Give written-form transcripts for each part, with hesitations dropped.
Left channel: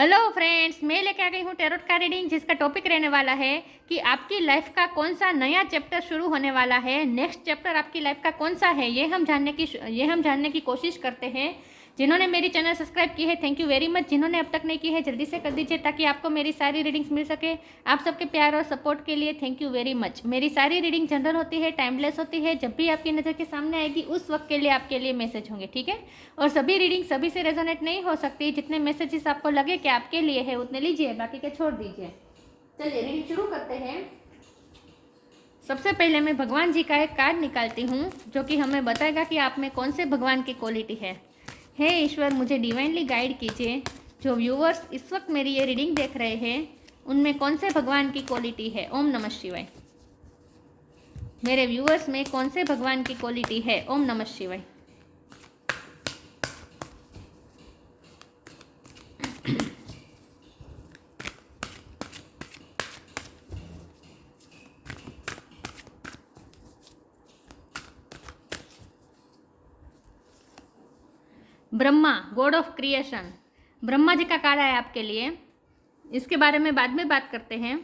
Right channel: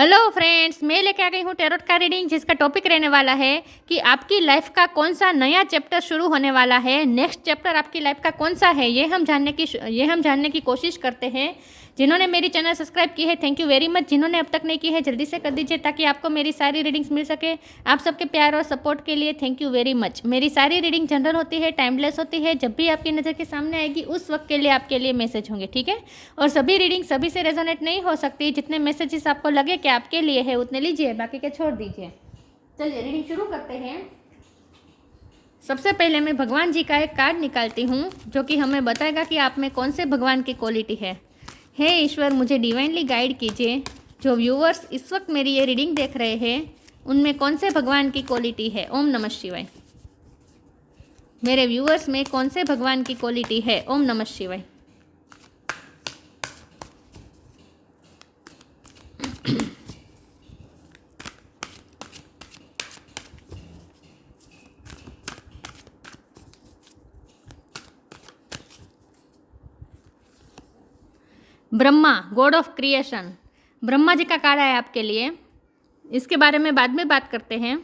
Hello friends, मैं लेके आ गई हूँ टैरोट का रीडिंग, जिसका टॉपिक रहने वाला है कि आपकी लाइफ का कौन सा नया चैप्टर शुरू होने वाला है। नेक्स्ट चैप्टर आपकी लाइफ का कौन सा है, ये हम जानने की कोशिश करते हैं। जिन्होंने मेरी चैनल सब्सक्राइब की है, थैंक यू वेरी मच। जिन्होंने अब तक नहीं की है, जल्दी से कर दीजिए ताकि आपको मेरी सारी रीडिंग्स मिल सके। आप सबके प्यार और सपोर्ट के लिए थैंक यू वेरी मच। मेरी सारी रीडिंग जनरल होती है, टाइमलेस होती है। जब भी आपकी नज़र के सामने आएगी उस वक्त के लिए आपके लिए मैसेज होंगे, ठीक है। और सभी रीडिंग सभी से रेजोनेट नहीं हो सकती। जितने मैसेजेस आपको लगे कि आपके लिए है उतने लीजिए, बाकी के छोड़ दीजिए। चलिए रीडिंग शुरू करते हैं। सबसे पहले मैं भगवान जी का एक कार्ड निकालती हूँ जो कि हमें बताएगा कि आप में कौन से भगवान की क्वालिटी है। हे ईश्वर, मुझे डिवाइनली गाइड कीजिए। जो व्यूअर्स इस वक्त मेरी ये रीडिंग देख रहे हैं उनमें कौन से भगवान की क्वालिटी है। ओम नमः शिवाय। मेरे व्यूअर्स में कौन से भगवान की क्वालिटी है। ओम नमः शिवाय। Brahma, god of creation, Brahma ji का कार्ड है आपके लिए। इसके बारे में बाद में बात करते हैं।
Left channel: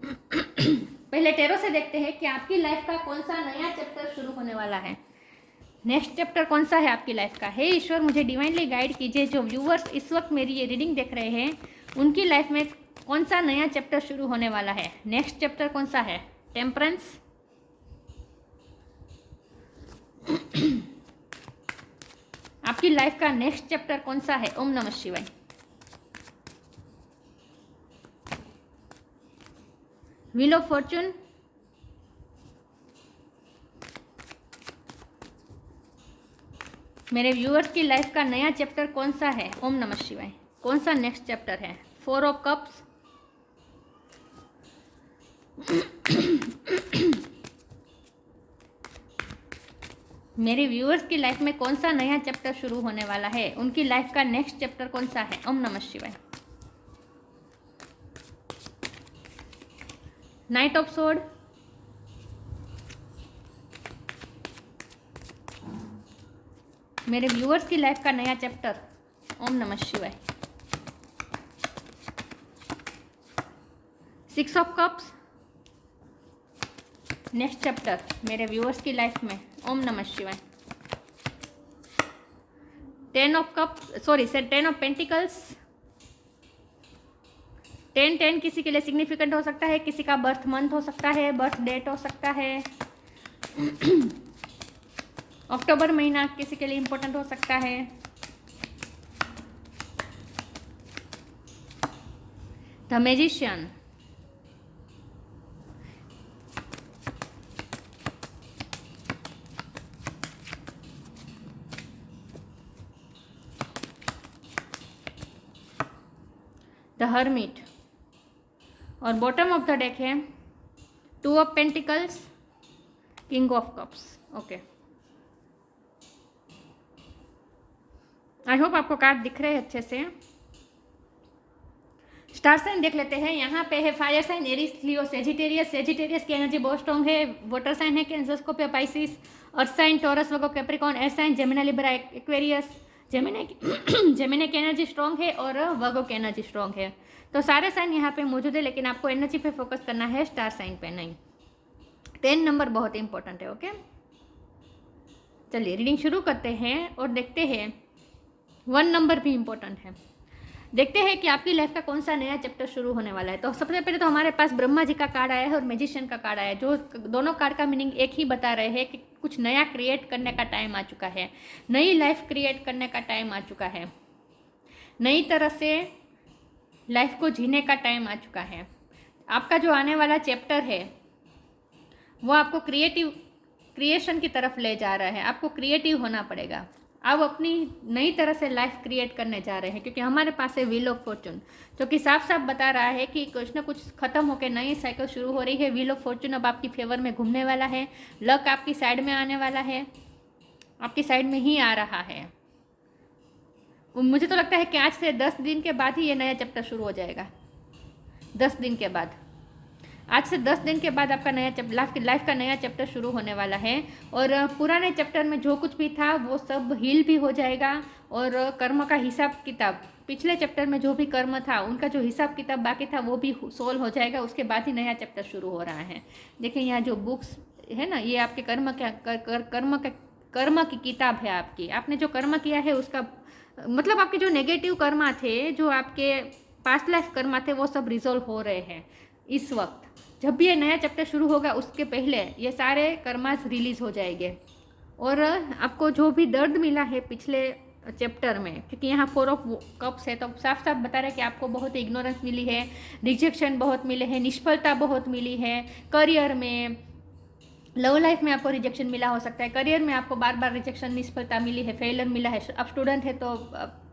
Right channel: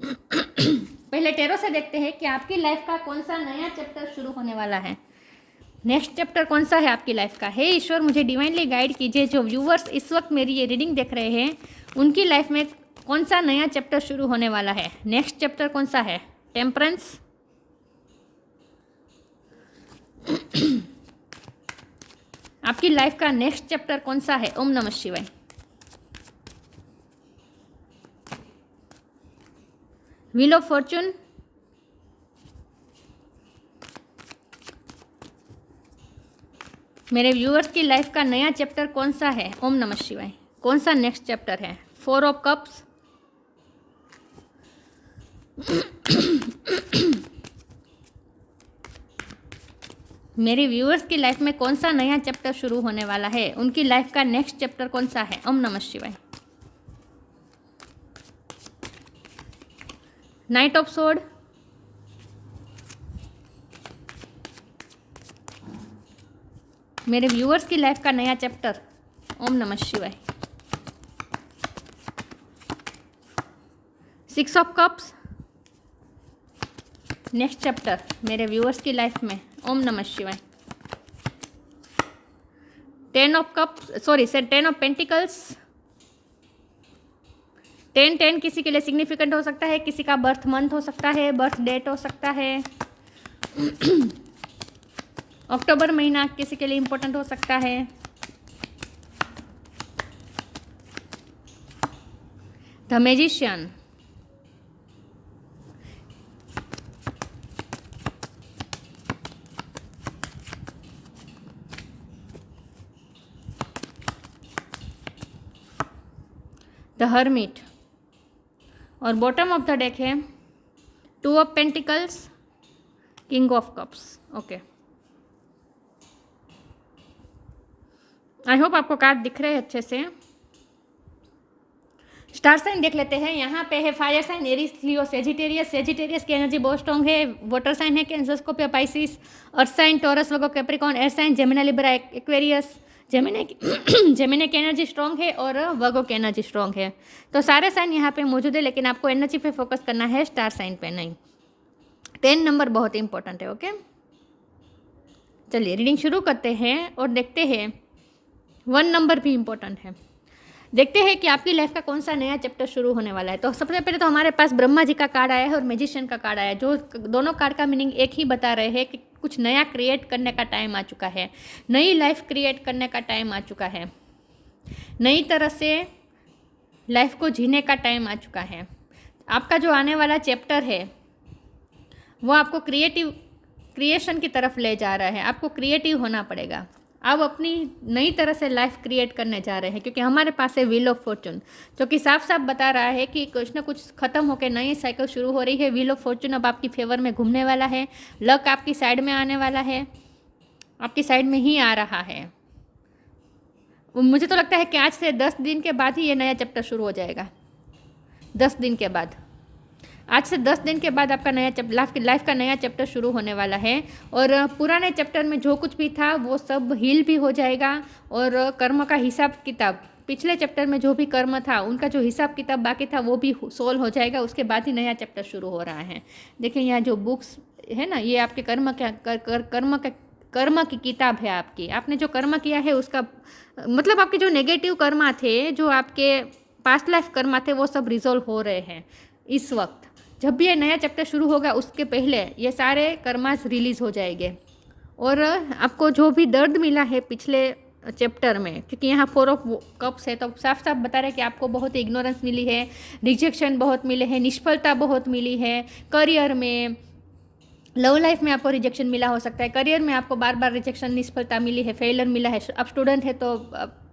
पहले टैरो से देखते हैं कि आपकी लाइफ का कौन सा नया चैप्टर शुरू होने वाला है। नेक्स्ट चैप्टर कौन सा है आपकी लाइफ का। हे ईश्वर, मुझे डिवाइनली गाइड कीजिए। जो व्यूवर्स इस वक्त मेरी ये रीडिंग देख रहे हैं उनकी लाइफ में कौन सा नया चैप्टर शुरू होने वाला है। नेक्स्ट चैप्टर कौन सा है। टेम्परेंस, आपकी लाइफ का नेक्स्ट चैप्टर कौन सा है। ओम नमः शिवाय। व्हील ऑफ फॉर्चून, मेरे व्यूअर्स की लाइफ का नया चैप्टर कौन सा है। ओम नमः शिवाय। कौन सा नेक्स्ट चैप्टर है। फोर ऑफ कप्स, मेरे व्यूअर्स की लाइफ में कौन सा नया चैप्टर शुरू होने वाला है। उनकी लाइफ का नेक्स्ट चैप्टर कौन सा है। ओम नमः शिवाय। नाइट ऑफ सोर्ड, मेरे व्यूअर्स की लाइफ का नया चैप्टर। ओम नमः शिवाय। Six of cups, next chapter मेरे व्यूअर्स की लाइफ में। ओम नमः शिवाय। Ten of cups, sorry sir, ten of pentacles. 10 किसी के लिए सिग्निफिकेंट हो सकता है, किसी का बर्थ मंथ हो सकता है, बर्थ डेट हो सकता है। अक्टूबर महीना किसी के लिए इंपॉर्टेंट हो सकता है। द मैजिशियन, द हर्मिट, और बॉटम ऑफ द डेक है two of pentacles, king of cups. Okay, I hope आपको कार्ड दिख रहे हैं अच्छे से। स्टार साइन देख लेते हैं। यहाँ पे है fire sign, Aries, Leo, Sagittarius. Sagittarius की एनर्जी बहुत स्ट्रॉन्ग है। वाटर साइन है Cancer, Scorpio, Pisces. Earth sign Taurus, Virgo, Capricorn. Air sign Gemini, Libra, Aquarius. Gemini की एनर्जी स्ट्रॉन्ग है और वर्गो की एनर्जी स्ट्रॉन्ग है। तो सारे साइन यहाँ पे मौजूद है, लेकिन आपको एनर्जी पे फोकस करना है, स्टार साइन पे नहीं। 10 नंबर बहुत इंपॉर्टेंट है। ओके, चलिए रीडिंग शुरू करते हैं और देखते हैं 1 नंबर भी इंपॉर्टेंट है। देखते हैं कि आपकी लाइफ का कौन सा नया चैप्टर शुरू होने वाला है। तो सबसे पहले तो हमारे पास ब्रह्मा जी का कार्ड आया है और मैजिशियन का कार्ड आया है, जो दोनों कार्ड का मीनिंग एक ही बता रहे हैं कि कुछ नया क्रिएट करने का टाइम आ चुका है, नई लाइफ क्रिएट करने का टाइम आ चुका है, नई तरह से लाइफ को जीने का टाइम आ चुका है। आपका जो आने वाला चैप्टर है वो आपको क्रिएशन की तरफ ले जा रहा है। आपको क्रिएटिव होना पड़ेगा। आप अपनी नई तरह से लाइफ क्रिएट करने जा रहे हैं, क्योंकि हमारे पास है व्हील ऑफ फॉर्चून, जो कि साफ साफ बता रहा है कि कुछ ना कुछ खत्म होकर नई साइकिल शुरू हो रही है। व्हील ऑफ फॉर्चून अब आपकी फेवर में घूमने वाला है। लक आपकी साइड में आने वाला है, आपकी साइड में ही आ रहा है। मुझे तो लगता है कि आज से 10 दिन के बाद ही ये नया चैप्टर शुरू हो जाएगा। 10 दिन के बाद, आज से 10 दिन के बाद आपका नया लाइफ का नया चैप्टर शुरू होने वाला है। और पुराने चैप्टर में जो कुछ भी था वो सब हील भी हो जाएगा और कर्म का हिसाब किताब पिछले चैप्टर में जो भी कर्म था उनका जो हिसाब किताब बाकी था वो भी सोल्व हो जाएगा, उसके बाद ही नया चैप्टर शुरू हो रहा है। देखिए यहाँ जो बुक्स है ना, ये आपके कर्म की किताब है आपकी। आपने जो कर्म किया है उसका मतलब आपके जो नेगेटिव कर्मा थे, जो आपके पास्ट लाइफ कर्मा थे, वो सब रिजोल्व हो रहे हैं इस वक्त। जब भी ये नया चैप्टर शुरू होगा उसके पहले ये सारे कर्मास रिलीज हो जाएंगे। और आपको जो भी दर्द मिला है पिछले चैप्टर में, क्योंकि यहाँ 4 ऑफ कप्स है, तो साफ साफ बता रहे हैं कि आपको बहुत इग्नोरेंस मिली है, रिजेक्शन बहुत मिले हैं, निष्फलता बहुत मिली है। करियर में, लव लाइफ में आपको रिजेक्शन मिला हो सकता है, करियर में आपको बार बार रिजेक्शन निष्फलता मिली है, फेलियर मिला है। आप स्टूडेंट है तो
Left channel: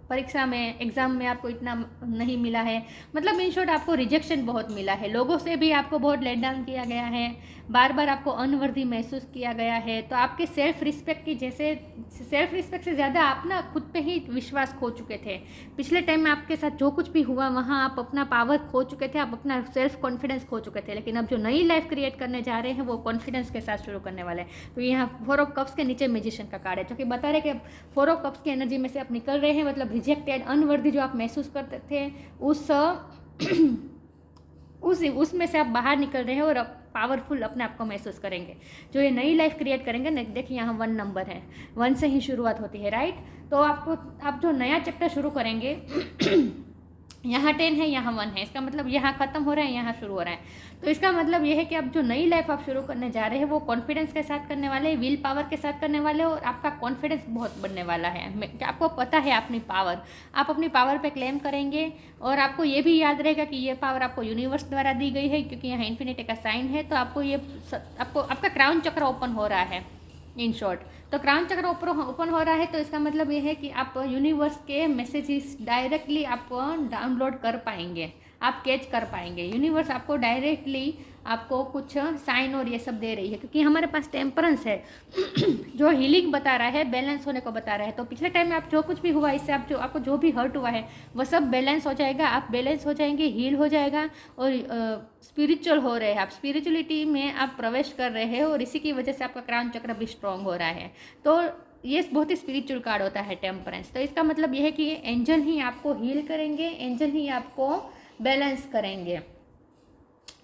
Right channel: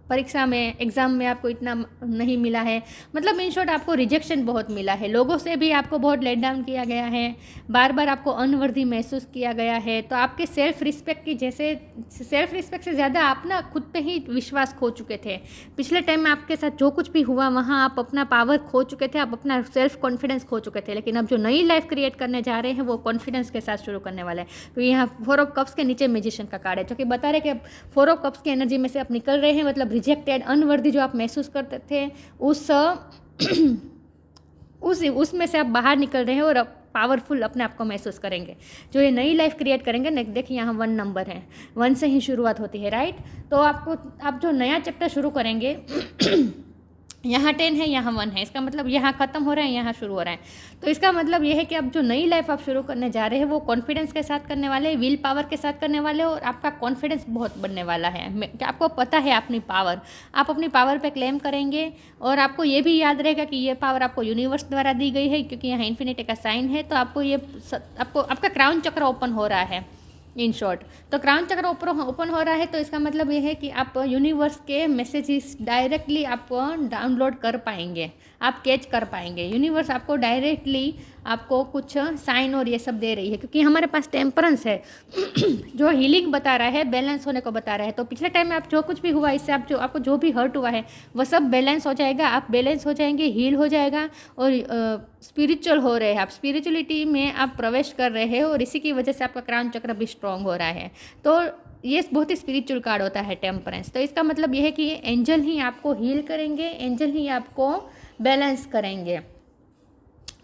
परीक्षा में, एग्ज़ाम में आपको इतना नहीं मिला है, मतलब इन शॉर्ट आपको रिजेक्शन बहुत मिला है। लोगों से भी आपको बहुत लेट डाउन किया गया है, बार बार आपको अनवर्दी महसूस किया गया है। तो आपके सेल्फ रिस्पेक्ट की जैसे, सेल्फ रिस्पेक्ट से ज़्यादा आप ना खुद पे ही विश्वास खो चुके थे। पिछले टाइम में आपके साथ जो कुछ भी हुआ वहाँ आप अपना पावर खो चुके थे, आप अपना सेल्फ कॉन्फिडेंस खो चुके थे। लेकिन अब जो नई लाइफ क्रिएट करने जा रहे हैं वो कॉन्फिडेंस के साथ शुरू करने वाले हैं। तो यहाँ 4 ऑफ कप्स के नीचे मैजिशियन का कार्ड है, जो कि बता रहे कि 4 ऑफ कप्स की एनर्जी में से आप निकल रहे हैं, मतलब रिजेक्टेड, अनवर्दी जो आप महसूस करते थे उसमें से आप बाहर निकल रहे हैं और पावरफुल अपने आप को महसूस करेंगे। जो ये नई लाइफ क्रिएट करेंगे, देखिए यहाँ 1 नंबर है, 1 से ही शुरुआत होती है, राइट। तो आप जो नया चैप्टर शुरू करेंगे यहाँ 10 है, यहाँ 1 है, इसका मतलब यहाँ ख़त्म हो रहा है, यहाँ शुरू हो रहा है। तो इसका मतलब ये है कि अब जो नई लाइफ आप शुरू करने जा रहे हैं वो कॉन्फिडेंस के साथ करने वाले, विल पावर के साथ करने वाले, और आपका कॉन्फिडेंस बहुत बढ़ने वाला है। आपको पता है अपनी पावर, आप अपनी पावर पे क्लेम करेंगे। और आपको ये भी याद रहेगा कि ये पावर आपको यूनिवर्स द्वारा दी गई है, क्योंकि यहाँ इन्फिनिटी का साइन है। तो आपको आपका क्राउन चक्र ओपन हो रहा है इन शॉर्ट। तो क्राउन चक्र ओपन हो रहा है, तो इसका मतलब ये है कि आप यूनिवर्स के मैसेजेस डायरेक्टली आप डाउनलोड कर पाएंगे, आप कैच कर पाएंगे। यूनिवर्स आपको डायरेक्टली आपको कुछ साइन और ये सब दे रही है, क्योंकि हमारे पास टेम्परेंस है जो हीलिंग बता रहा है, बैलेंस होने को बता रहा है। तो पिछले टाइम में आप जो कुछ भी हुआ, इससे आपको जो भी हर्ट हुआ है वो सब बैलेंस हो जाएगा, आप बैलेंस हो जाएंगे, हील हो जाएगा। और स्पिरिचुअल हो रहे हैं आप, स्पिरिचुअलिटी में आप प्रवेश कर रहे हैं, और इसी की वजह से आपका क्राउन चक्र भी स्ट्रॉन्ग हो रहा है। तो ये बहुत ही स्पिरिचुअल कार्ड होता है टेम्परेंस। तो इसका मतलब ये है कि एंजल ही आपको हील करेंगे, एंजल ही आपको बैलेंस करेंगे।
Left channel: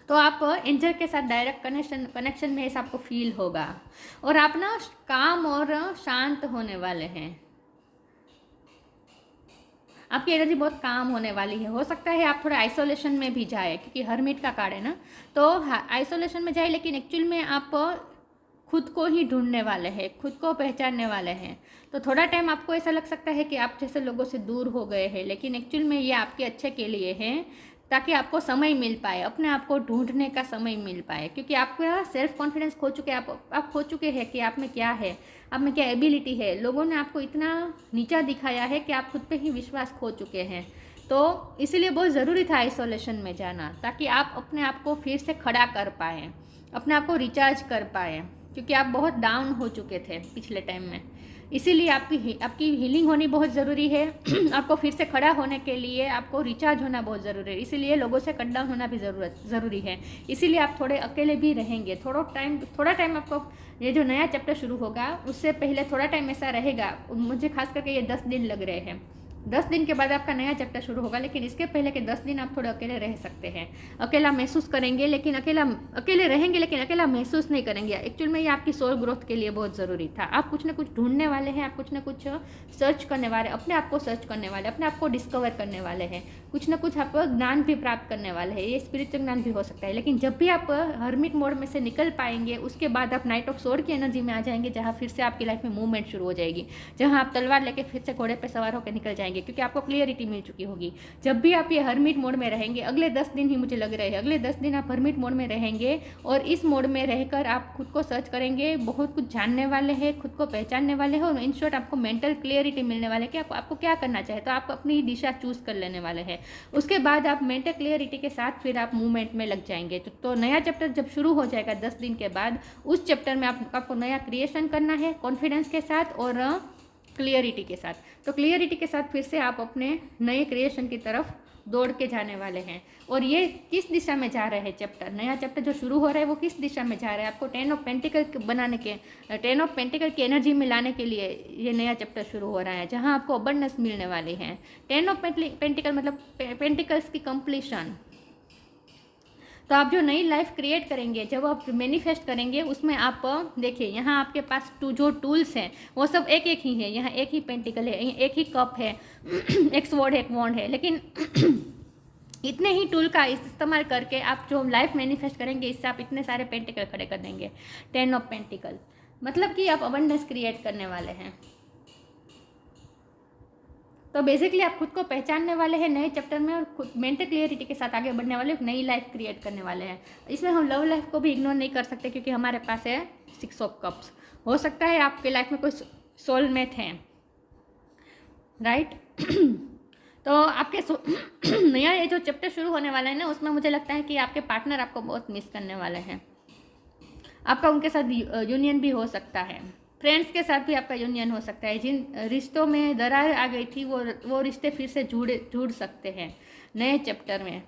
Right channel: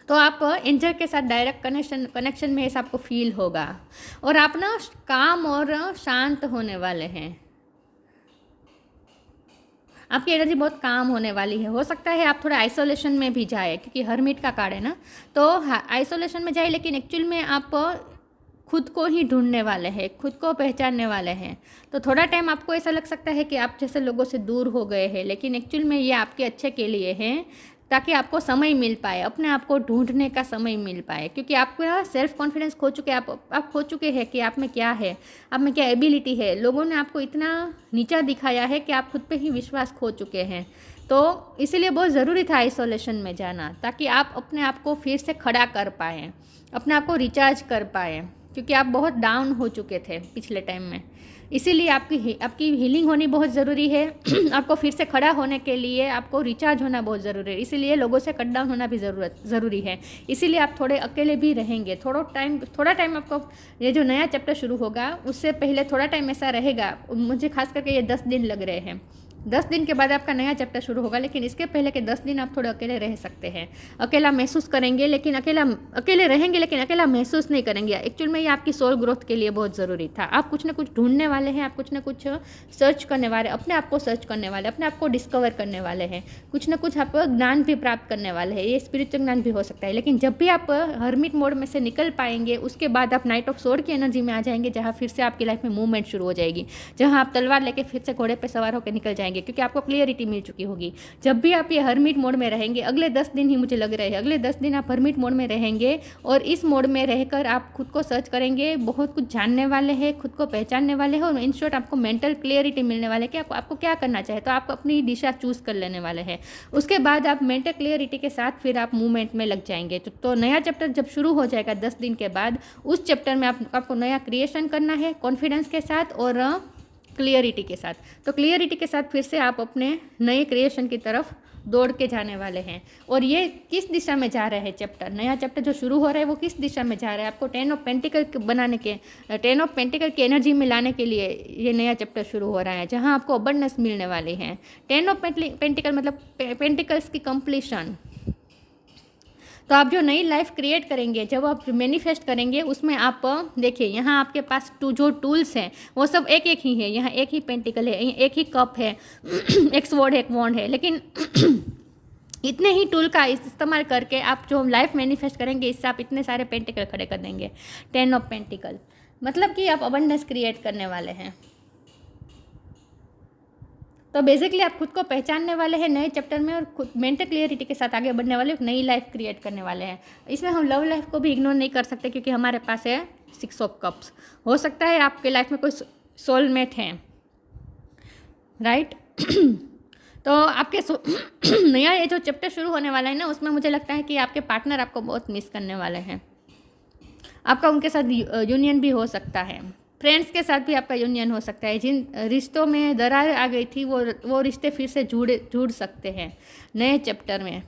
तो आप एंजल के साथ डायरेक्ट कनेक्शन में ऐसा आपको फील होगा, और आप ना काम और शांत होने वाले हैं। आपकी एनर्जी बहुत काम होने वाली है। हो सकता है आप थोड़ा आइसोलेशन में भी जाए, क्योंकि हरमिट का कार्ड है ना, तो आइसोलेशन में जाए, लेकिन एक्चुअल में आप खुद को ही ढूंढने वाले हैं, खुद को पहचानने वाले हैं। तो थोड़ा टाइम आपको ऐसा लग सकता है कि आप जैसे लोगों से दूर हो गए हैं, लेकिन एक्चुअल में ये आपके अच्छे के लिए है, ताकि आपको समय मिल पाए, अपने आप को ढूंढने का समय मिल पाए। क्योंकि आपका सेल्फ कॉन्फिडेंस खो चुके, आप खो चुके हैं कि आप में क्या है, आप में क्या एबिलिटी है। लोगों ने आपको इतना नीचा दिखाया है कि आप खुद पे ही विश्वास खो चुके हैं। तो इसीलिए बहुत ज़रूरी था आइसोलेशन में जाना, ताकि आप अपने आप को फिर से खड़ा कर पाएँ, अपने आप को रिचार्ज कर पाएँ, क्योंकि आप बहुत डाउन हो चुके थे पिछले टाइम में। इसीलिए आपकी हीलिंग होनी बहुत ज़रूरी है। आपको फिर से खड़ा होने के लिए आपको रिचार्ज होना बहुत ज़रूरी है, इसीलिए लोगों से कट डाउन होना भी ज़रूरी है। इसीलिए आप थोड़े अकेले भी रहेंगे, थोड़ा टाइम आपको, ये जो नया चैप्टर शुरू होगा उससे पहले थोड़ा टाइम ऐसा रहेगा। मुझे खास करके ये 10 दिन लग रहे हैं, 10 दिन के बाद आपका नया चैप्टर शुरू होगा, लेकिन इसके पहले के 10 दिन आप थोड़े अकेले रह सकते हैं। अकेला महसूस करेंगे, लेकिन अकेले रहेंगे, लेकिन अकेला महसूस नहीं करेंगे। एक्चुअल में ये आपकी सोल ग्रोथ के लिए बहुत ज़रूरी था। आप कुछ ना कुछ ढूंढने वाले हैं, आप कुछ ना कुछ सर्च करने वाले, अपने आप को सर्च करने वाले, अपने आप को डिस्कवर करने वाले हैं, कुछ ना कुछ आप ज्ञान भी प्राप्त करने वाले हैं। ये स्पिरिचुअल ज्ञान भी हो सकता है। लेकिन जब भी आप हर्मिट मोड में से निकल पाएंगे, उसके बाद आप नाइट ऑफ सोर्ड की एनर्जी में आ जाएंगे, जहाँ फिर से आपकी लाइफ में मूवमेंट शुरू हो जाएगी, जहाँ आप तलवार लेके फिर से घोड़े पर सवार होकर निकल जाएंगे, क्योंकि आपको क्लियरिटी मिल चुकी होगी। जब भी आप ये हर्मिट मोड में रहेंगे, अगले 10 दिन ही मुझे लग रहे हैं, अगले 10 दिन आप हर्मिट मोड में रहेंगे, और इस मोड में रहकर आप खुद को सर्च करेंगे, बहुत कुछ जानने वाले हैं, खुद को पहचानने वाले हैं, और इन शॉर्ट आपको मेंटल क्लियरिटी मिलने वाले कि आपको क्या करना चाहिए। तो आप अपनी दिशा चूज कर लेने वाले हैं। उसके बाद आप मेंटल क्लियरिटी के साथ फिर आप मूवमेंट में लग जाएंगे। तो नया चैप्टर जब शुरू हो जाएगा 10 दिन के बाद, उस चैप्टर में आपको नया क्रिएशन करना है कॉन्फिडेंस के साथ, और क्लियरिटी के साथ। तो क्लियरिटी के साथ फिर से आप अपने नए क्रिएशन की तरफ दौड़ के जाने वाले हैं। और ये किस दिशा में जा रहे हैं चैप्टर, नया चैप्टर जो शुरू हो रहा है वो किस दिशा में जा रहा है, आपको 10 ऑफ पेंटिकल बनाने के, 10 ऑफ पेंटिकल की एनर्जी में लाने के लिए ये नया चैप्टर शुरू हो रहा है, जहाँ आपको अबंडेंस मिलने वाली है। 10 ऑफ पेंटिकल मतलब पेंटिकल्स की कंप्लीशन। तो आप जो नई लाइफ क्रिएट करेंगे, जब आप मैनिफेस्ट करेंगे, उसमें आप देखिए यहाँ आपके पास जो टूल्स हैं वो सब एक एक ही है। यहाँ एक ही पेंटिकल है, एक ही कप है, एक स्वॉर्ड है, एक वॉन्ड है, लेकिन इतने ही टूल का इस्तेमाल करके आप जो लाइफ मैनिफेस्ट करेंगे, इससे आप इतने सारे पेंटिकल खड़े कर देंगे। 10 ऑफ पेंटिकल मतलब कि आप अबंडेंस क्रिएट करने वाले हैं। तो बेसिकली आप खुद को पहचानने वाले हैं नए चैप्टर में, और खुद मेंटल क्लियरिटी के साथ आगे बढ़ने वाले, एक नई लाइफ क्रिएट करने वाले हैं। इसमें हम लव लाइफ को भी इग्नोर नहीं कर सकते, क्योंकि हमारे पास है 6 ऑफ कप्स। हो सकता है आपके लाइफ में कोई सोलमेट हैं, राइट। तो आपके नया ये जो चैप्टर शुरू होने वाला है ना, उसमें मुझे लगता है कि आपके पार्टनर आपको बहुत मिस करने वाले हैं। आपका उनके साथ यूनियन भी हो सकता है, फ्रेंड्स के साथ भी आपका यूनियन हो सकता है। जिन रिश्तों में दरार आ गई थी वो रिश्ते फिर से जुड़ सकते हैं नए चैप्टर में।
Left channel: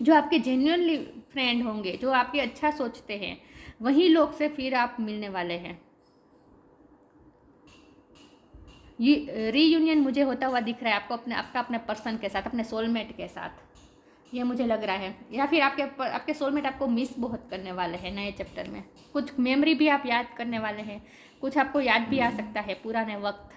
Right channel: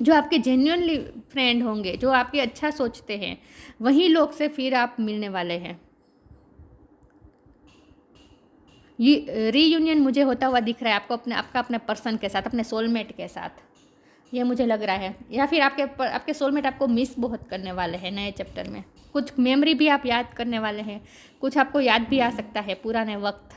जो आपके जेन्युइनली फ्रेंड होंगे, जो आपके अच्छा सोचते हैं, वही लोग से फिर आप मिलने वाले हैं। ये रीयूनियन मुझे होता हुआ दिख रहा है आपको आपका अपने पर्सन के साथ, अपने सोलमेट के साथ, ये मुझे लग रहा है। या फिर आपके सोलमेट आपको मिस बहुत करने वाले हैं नए चैप्टर में। कुछ मेमोरी भी आप याद करने वाले हैं, कुछ आपको याद भी आ सकता है पुराने वक्त,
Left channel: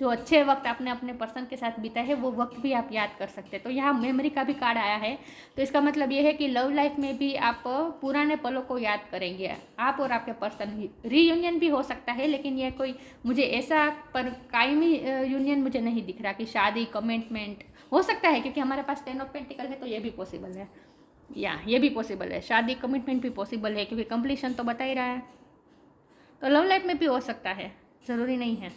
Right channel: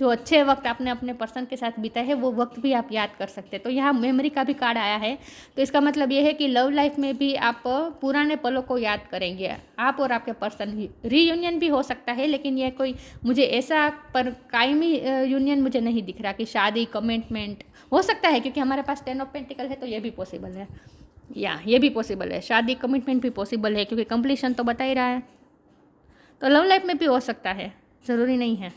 जो अच्छे वक्त आपने अपने पर्सन के साथ बिताए हैं, वो वक्त भी आप याद कर सकते हैं। तो यहाँ मेमोरी का भी कार्ड आया है, तो इसका मतलब ये है कि लव लाइफ में भी आप पुराने पलों को याद करेंगे, आप और आपके पर्सन। रीयूनियन भी हो सकता है, लेकिन ये कोई मुझे ऐसा पर कायमी यूनियन मुझे नहीं दिख रहा कि शादी कमिटमेंट हो सकता है, क्योंकि हमारे पास 10 ऑफ पेंटिकल है, तो ये भी पॉसिबल है, या ये भी पॉसिबल है, शादी कमिटमेंट भी पॉसिबल है, क्योंकि कंप्लीशन तो बता ही रहा है। तो लव लाइफ में भी हो सकता है, ज़रूरी नहीं है।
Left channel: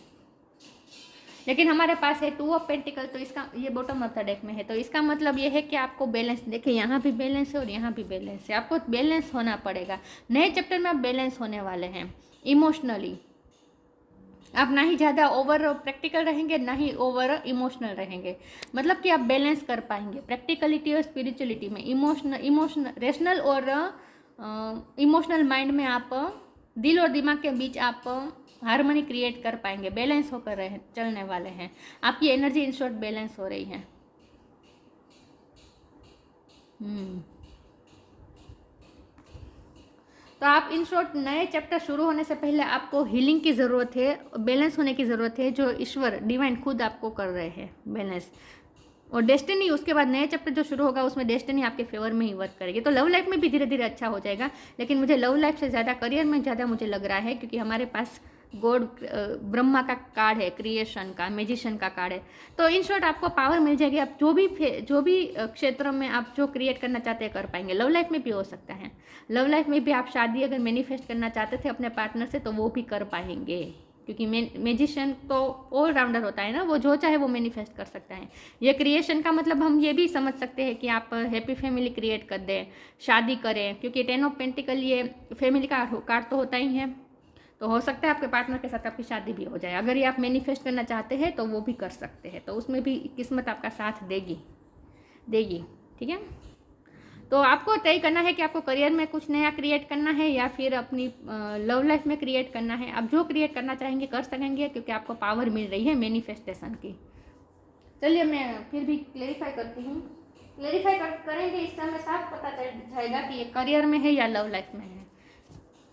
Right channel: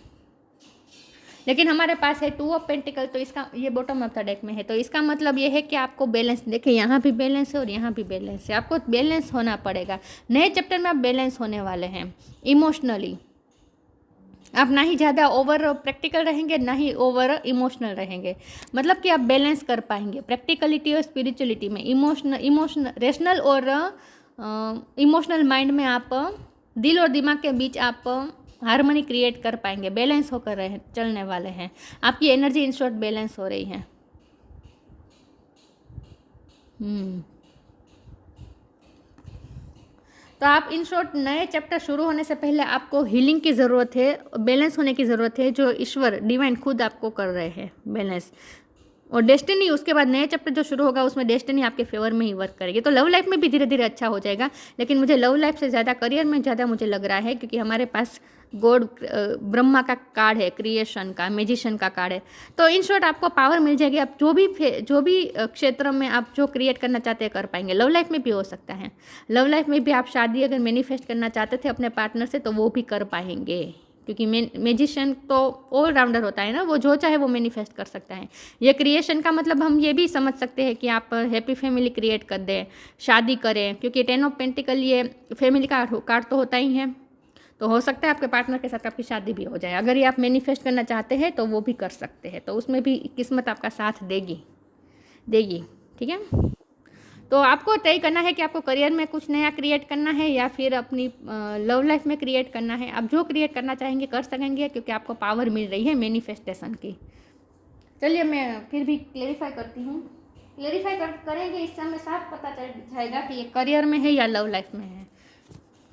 लेकिन हमारे पास है 2 ऑफ पेंटिकल, तो इसका ये बॉटम ऑफ द डेक में है, तो इसका मतलब ये है कि आपको बैलेंस, देखिए यहाँ भी बैलेंस है और यहाँ भी बैलेंस है, आपको बैलेंस होना पड़ेगा। नए चैप्टर में आप बैलेंस होने वाले हैं इमोशनली। आप ना ही ज़्यादा ओवर प्रैक्टिकल रहेंगे, ना ही ओवर इमोशनल रहेंगे, मतलब कि आप बैलेंस कर पाएंगे प्रैक्टिकलिटी और स्पिरिचुअलिटी में। इमोशनल रेशनल और इमोशनल माइंड में आप दिल और दिमाग के बीच आप हार्मनी क्रिएट कर पाएंगे, बैलेंस होकर चलने वाले हैं। आपकी एनर्जी इन शॉर्ट बैलेंस हो रही है। तो आप इन शॉर्ट नए चैप्टर शुरू होने से पहले आपको हीलिंग की ज़रूरत है, बैलेंस होने की ज़रूरत है, जो ईश्वर डिवाइन खुद आपको कर रहे हैं बैलेंस। और डेस्टिनी, उसके बाद नए चैप्टर जो शुरू होगा उसमें डेस्टिनी आपके फेवर में ही वर्क करेगी। तो लव लाइफ में भी धीरे धीरे अच्छा हो जाएगा, लेकिन मुझे लव लाइफ से ज़्यादा करियर में ज़्यादा मुझे लग रहा है, क्योंकि हमारे पास गॉड ब्रह्मा का कार्ड है, क्रिएशन का, मैजिशियन का कार्ड है। तो इन शॉर्ट आपको पावर मिल जाएगी, आप जो भी क्षेत्र में आप जो क्रिएट करना चाहते हैं कर पाएंगे। लव लाइफ में भी हो सकता है, लव लाइफ में भी आप शादी अगर मैनिफेस्ट करना चाहते थे अपने पार्टनर से, तो वो भी कर पाएंगे, क्योंकि मैजिशियन तो ऑल राउंडर होता है ना, वो जो चाहे वो मैनिफेस्ट कर सकता है। ये क्रिएशन का मतलब हम ये भी समझ सकते हैं कि आप हैप्पी फैमिली क्रिएट कर दें, शादी करें, क्योंकि 10 ऑफ पेंटिकल ये फैमिली का कार्ड तो होता ही है। तो हो सकता है आपके पार्टनर के साथ आपकी शादी भी हो जाए, अगर ये आप मैनिफेस्ट करना चाहते हैं तो वो भी कर सकते हैं। तो उसमें भी किस्मत आपका साथ देगी, ठीक है। तो आपको तय करना है कि आपको करियर में कुछ नया क्रिएट करना है या फिर अपनी लव लाइफ में क्रिएट करना है। आप जो क्रिएट करना चाहेंगे कर सकेंगे, क्योंकि आपको पावर मिल रही है मैनिफेस्टेशन की। चलिए मैं फिर भी क्लेरिफाई करती हूँ। क्लेरिफाई करेंगे, इससे हमें साफ पता चल जाएगा कि ये करियर में है या लव लाइफ में है,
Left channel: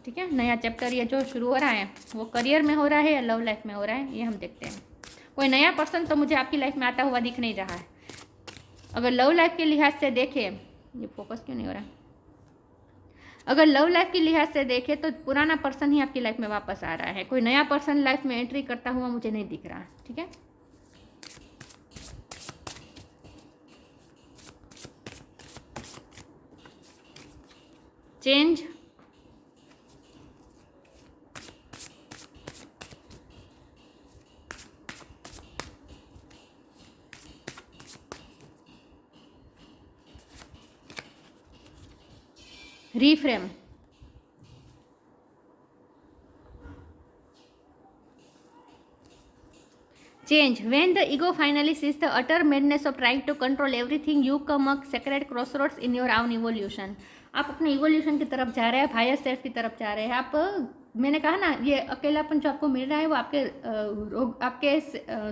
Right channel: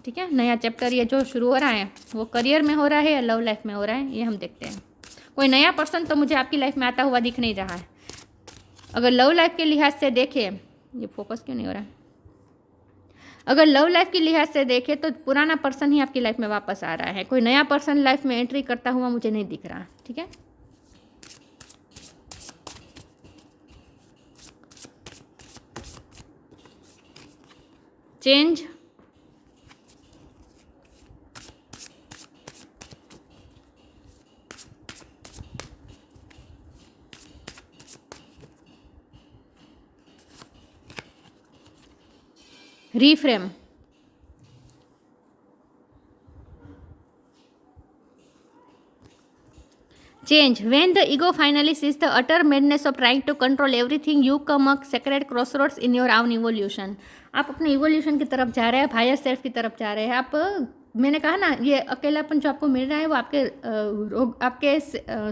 ठीक है। नया चैप्टर ये जो शुरू हो रहा है वो करियर में हो रहा है या लव लाइफ में हो रहा है, ये हम देखते हैं। कोई नया पर्सन तो मुझे आपकी लाइफ में आता हुआ दिख नहीं रहा है। अगर लव लाइफ के लिहाज से देखें, ये फोकस क्यों नहीं हो रहा है, अगर लव लाइफ के लिहाज से देखें तो पुराना पर्सन ही आपकी लाइफ में वापस आ रहा है, कोई नया पर्सन लाइफ में एंट्री करता हुआ मुझे नहीं दिख रहा, ठीक है। Change, reframe, Change. When the ego finally sees the utter madness of trying to control everything, you come a sacred crossroads in your own evolution. आप अपने इवोल्यूशन की तरफ जा रहे हैं, हायर सेल्फ की तरफ जा रहे हैं आप। मैंने कहा ना, ये अकेलापन जो आपको मिल रहा है वो आपके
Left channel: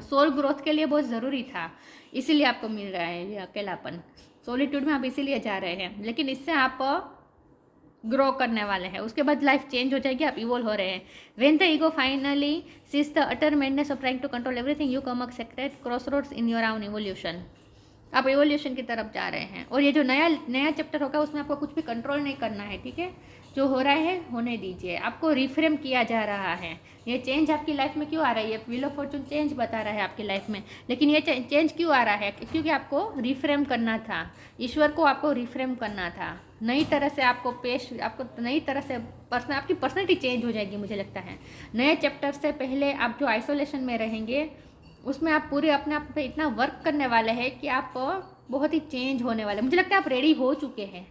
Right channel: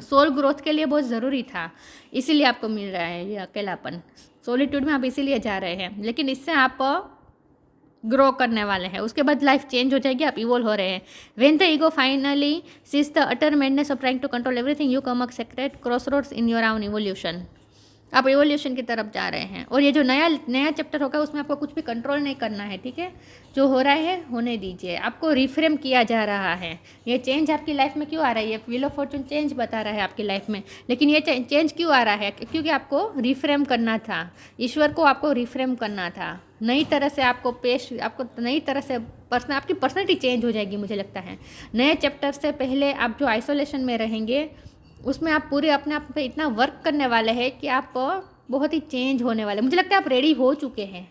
सोल ग्रोथ के लिए बहुत ज़रूरी था, इसीलिए आपको मिल रहा है ये अकेलापन। सोलिट्यूड में आप इसीलिए जा रहे हैं, लेकिन इससे आप ग्रो करने वाले हैं, उसके बाद लाइफ चेंज हो जाएगी, आप इवोल्व हो रहे हैं। When the ego finally cease the utter madness of trying to control everything, you come a secret crossroads in your own evolution. आप इवोल्यूशन की तरफ जा रहे हैं, और ये जो नया चैप्टर होगा उसमें आपको कुछ भी कंट्रोल नहीं करना है, ठीक है। जो हो रहा है होने दीजिए, आपको रिफ्रेम किया जा रहा है। ये चेंज आपकी लाइफ में क्यों आ रहा है, ये व्हील ऑफ फॉर्चून चेंज बता रहा है आपकी लाइफ में, लेकिन ये चेंज क्यों आ रहा है, क्योंकि आपको रिफ्रेम करना था, ईश्वर को आपको रिफ्रेम करना था, नई तरह से आपको नई तरह से आपकी पर्सनैलिटी चेंज हो जाएगी। मुझे लगता है नए चैप्टर से पहले आप जो आइसोलेशन में रहेंगे उसमें आप पूरे अपने आप पे इतना वर्क करने वाले हैं कि आप बहुत ही चेंज होने वाले। मुझे लगता है आप रेडी हो चुके हैं,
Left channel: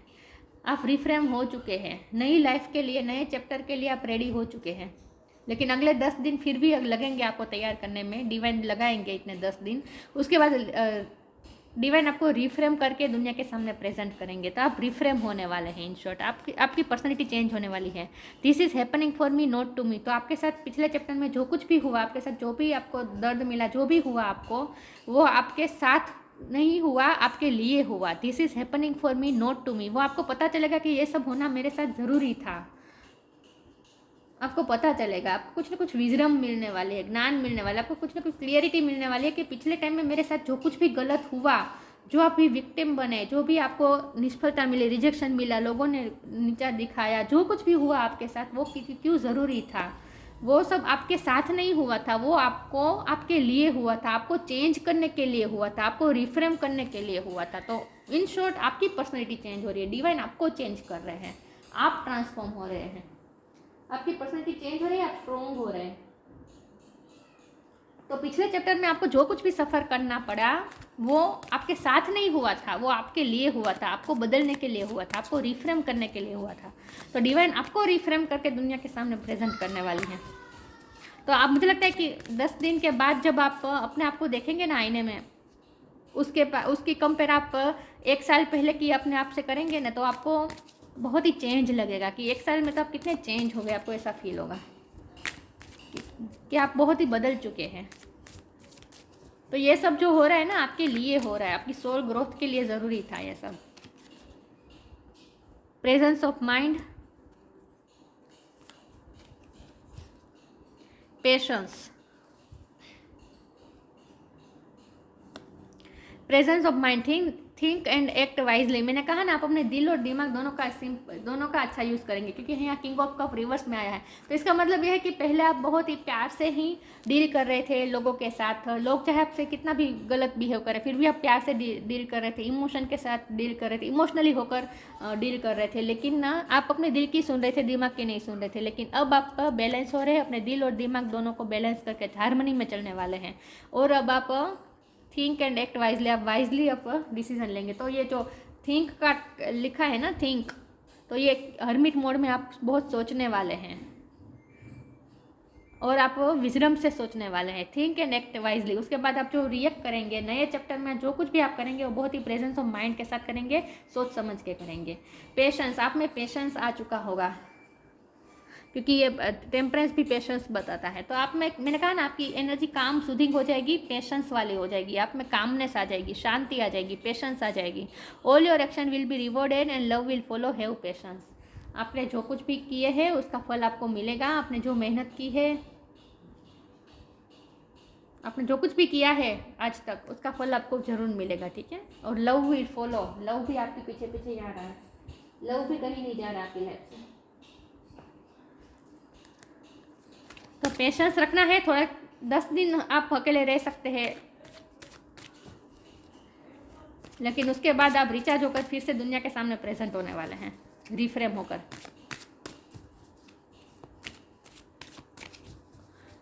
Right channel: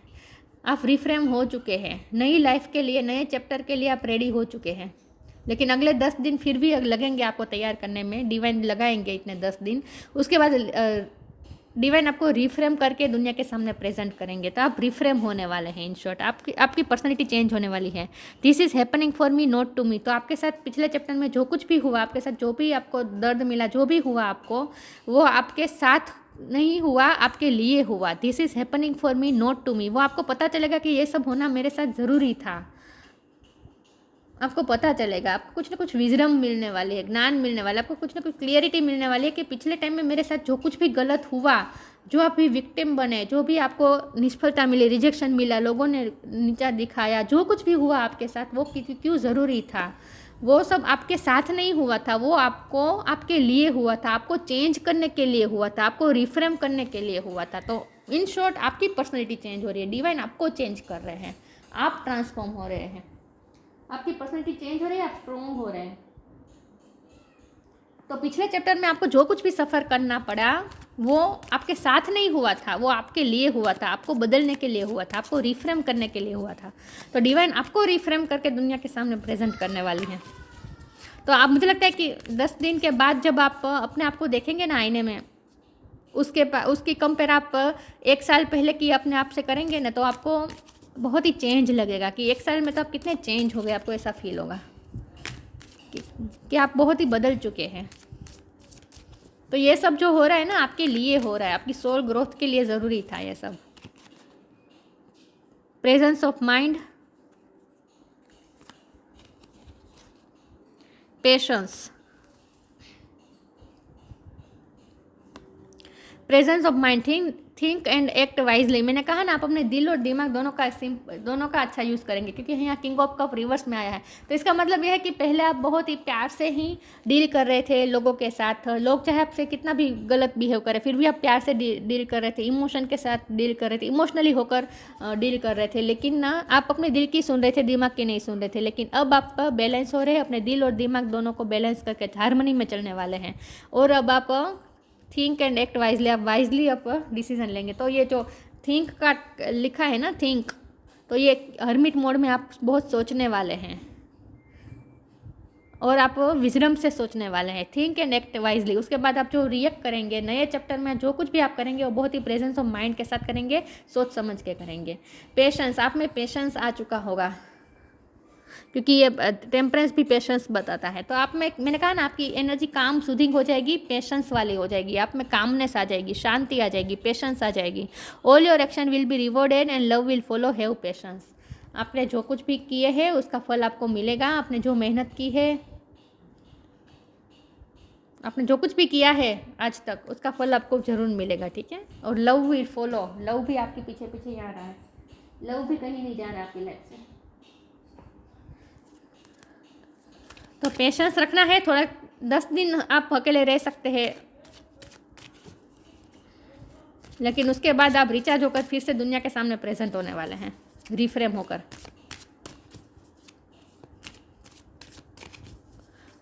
आप रिफ्रेम हो चुके हैं, नई लाइफ के लिए, नए चैप्टर के लिए आप रेडी हो चुके हैं। लेकिन अगले 10 दिन फिर भी लगेंगे आपको तैयार करने में, डिवाइन लगाएंगे इतने 10 दिन, उसके बाद डिवाइन आपको रिफ्रेम करके दुनिया के सामने प्रेजेंट करेंगे, तो आप रिफ्रेम होने वाले हैं। इन शॉर्ट आपकी पर्सनैलिटी चेंज होने वाली है। This is happening for me not to me. तो आपके साथ पिछले चैप्टर में जो कुछ भी हुआ, आपके साथ जो भी आपको दर्द मिला, जो भी हुआ आपको, वो आपके साथ नहीं हुआ, आपके लिए हुआ। This is happening for me not to me. वो आपको पता चलेगा कि ये सब होना मेरे साथ ज़रूरी था। आपको पता चलेगा, आपको कुछ ना कुछ विजडम मिलने वाली है, ज्ञान मिलने वाला है, आपको कुछ ना कुछ क्लियरिटी मिलने वाली है कि पिछले टाइम में मेरे साथ जो कुछ भी गलत हुआ, जो आप भी विक्टिम बने, जो भी आपको निष्फलता मिली, रिजेक्शन मिला, लोगों ने नीचा दिखाया, जो कुछ भी हुआ आपके साथ, वो क्यों ज़रूरी था। वो सब आपके साथ नहीं हुआ था, वो आपके लिए हुआ था, आपको चेंज करने के लिए हुआ था, आपको रिफ्रेम करने के लिए हुआ था। तो इन शॉर्ट आपकी पर्सनैलिटी चेंज हो रही है, डिवाइन आपको चेंज कर रहे हैं, आप ट्रांसफॉर्म हो रहे हैं, आपकी पर्सनैलिटी चेंज हो रही है, आप स्ट्रॉन्ग हो रहे हैं। तो पिछले चैप्टर में आपको जो कुछ भी सफ़र करना पड़ा वो आपके साथ नहीं हुआ था, वो आपके लिए हुआ था, आपको बदलने के लिए हुआ था, आपको रिफ्रेम करने के लिए हुआ था। तो डिवाइन आपको रिफ्रेम करके दुनिया के सामने प्रेजेंट करने वाली है। तो आप, मुझे लगता है कि 10 दिन के बाद जब आप अपने आप को देखेंगे ना आईने में, उसकी कंपेयर आप 1 साल पहले की अपने आप से करेंगे ना, तो आपको बहुत ही चेंज लगेगा कि 1 साल में तो आप कितने चेंज हो गए। आपको ऐसा फील होगा कि आप बहुत ही बदल चुके हैं। तो ये सब जो हो रहा है ना, आपके लिए हो रहा है, आपकी सोल ग्रोथ के लिए ज़रूरी था ये सब। Presence of mind, patience, presence of mind, think and act wisely. मैंने कहा ना, आप अपने दिल और दिमाग दोनों का अच्छा यूज़ करेंगे, क्योंकि यहाँ किंग ऑफ कप रिवर्स में आया है। तो इसका मतलब यह है कि पहले आप बहुत ही प्यार से ही डील कर रहे थे लोगों के साथ। लोग चाहे आपसे कितना भी गलत बिहेव करें, फिर भी आप प्यार से डील कर रहे थे, इमोशन के साथ डील कर रहे थे, इमोशनली होकर डील कर रहे थे। लेकिन ना, आप अपने दिल की सुन रहे थे, दिमाग की नहीं सुन रहे थे। लेकिन अब आप बैलेंस हो रहे हैं, अपने दिल और दिमाग दोनों को बैलेंस करके हारमोनी में चलने वाले हैं। और अब आप थिंक एंड एक्ट वाइजली, आप वाइजली आप डिसीजन लेंगे। तो ये जो थिंक का लिखा है ना, थिंक, तो ये हर्मिट मोड में आप बहुत सोचने वाले हैं, और आप विजडम से सोचने वाले हैं। Think and act wisely. उसके बाद आप जो रिएक्ट करेंगे नए चैप्टर में, जो कुछ भी आप करेंगे वो बहुत ही प्रेजेंस ऑफ माइंड के साथ करेंगे, सोच समझ के करेंगे। पेशेंस, आप में पेशेंस आ चुका होगा, क्योंकि ये टेम्परेंस भी पेशेंस बताता है। तो आप में, मैंने कहा ना, आपकी एनर्जी काम सूदिंग हो जाएगी, पेशेंस वाली हो जाएगी, आप में कामनेस आ जाएगी, शांति आ जाएगी, पेशेंस आ जाएगी। All your action will be rewarded and love will follow, have patience. आपने जो कुछ भी किए हैं उसका फल आपको मिलेगा। आपने जो मेहनत की है, आपने जो कुछ भी किया है आज तक, उसका फल आपको जरूर मिलेगा, ठीक है। और लव विल फॉलो, लव भी आपके पीछे पीछे यहाँ रहा है, लव भी कहीं नहीं जा रहा आपकी लाइफ से। तो पेशेंस रखना है थोड़ा, 10 दिन आप अकेले रह सकते हैं, लेकिन उसके बाद आप रिचार्ज होकर फिर से दुनिया के सामने प्रेजेंट होने वाले हैं, रिफ्रेम होकर।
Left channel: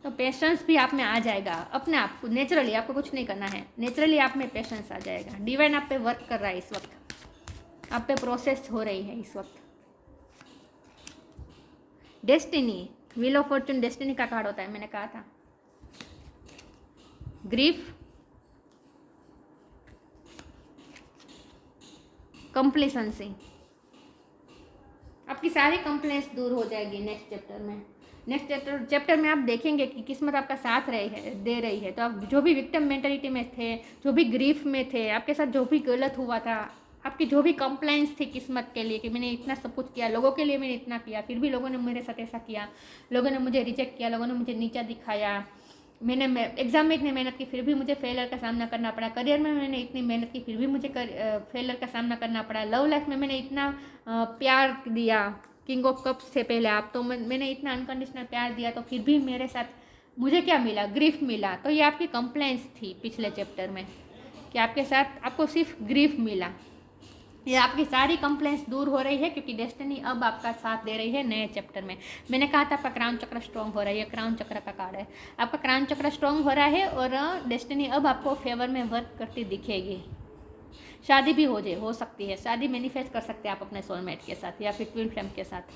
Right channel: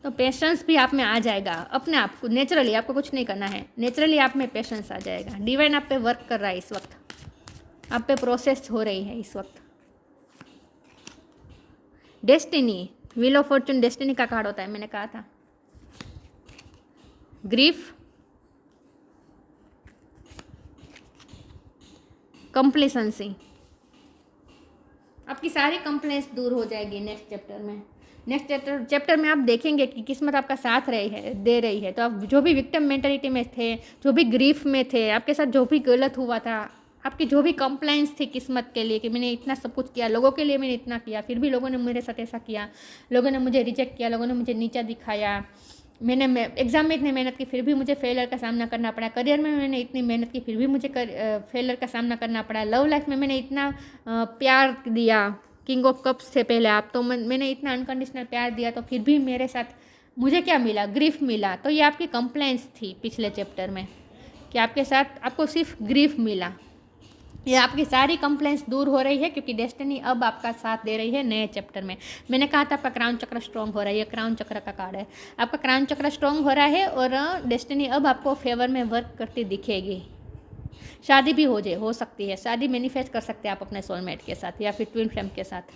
तो पेशेंस भी आप में आ जाएगा अपने आप को, नेचुरली। आपको कुछ नहीं करना है, नेचुरली आप में पेशेंस आ जाएगा। डिवाइन आप पे वर्क कर रहा है इस वक्त, आप पे प्रोसेस हो रही है इस वक्त। Destiny, wheel of Fortune destiny का कार्ड होता है, मैंने कहा था। Grief, complacency. आपकी सारी कंप्लेंट्स दूर हो जाएगी नेक्स्ट चैप्टर में। नेक्स्ट चैप्टर में आप देखेंगे कि किस्मत आपका साथ दे रही है। तो आप जो भी विक्टिम मेंटालिटी में थे, जो भी ग्रीफ में थे, आपके साथ जो भी गलत हुआ था, आपकी जो भी कंप्लेंट्स थी किस्मत के लिए कि मैंने इतना सब कुछ किया, लोगों के लिए मैंने इतना किया, फिर भी लोगों ने मेरे साथ ऐसा किया, लोगों ने मुझे रिजेक्ट किया, लोगों ने मुझे नीचा दिखाया, मैंने एग्ज़ाम में इतनी मेहनत की फिर भी मुझे फेलियर का सामना करना पड़ा, करियर में मैंने इतनी मेहनत की फिर भी मुझे फेलियर का सामना करना पड़ा, लव लाइफ में मैंने इतना प्यार दिया, किंग ऑफ कप्स थे पहले आप, तो मैंने इतना अनकंडीशनल प्यार दिया तो फिर भी मेरे साथ मुझे क्या मिला, ग्रीफ मिला। तो ये आपकी कंप्लेंट्स थी पिछले चैप्टर में कि आपके साथ आपको सिर्फ ग्रीफ मिला। ये आपकी सारी कंप्लेंट्स दूर हो रही है क्योंकि डेस्टिनी अब आपका साथ दे रही है नए चैप्टर में। मैंने कहा था आपका क्राउन चक्र स्ट्रॉन्ग हो रहा है, ये क्राउन चक्र का कार्ड है, आपका क्राउन चक्र स्ट्रॉन्ग हो रहा है और डेस्टिनी अब आपको फेवर में वर्क करती दिखेगी। शादी भी हो सकती है, शादी मैनिफेस्ट कर सकते हैं आप अपने सोलमेट के साथ या फिर ट्विन फ्लेम के साथ।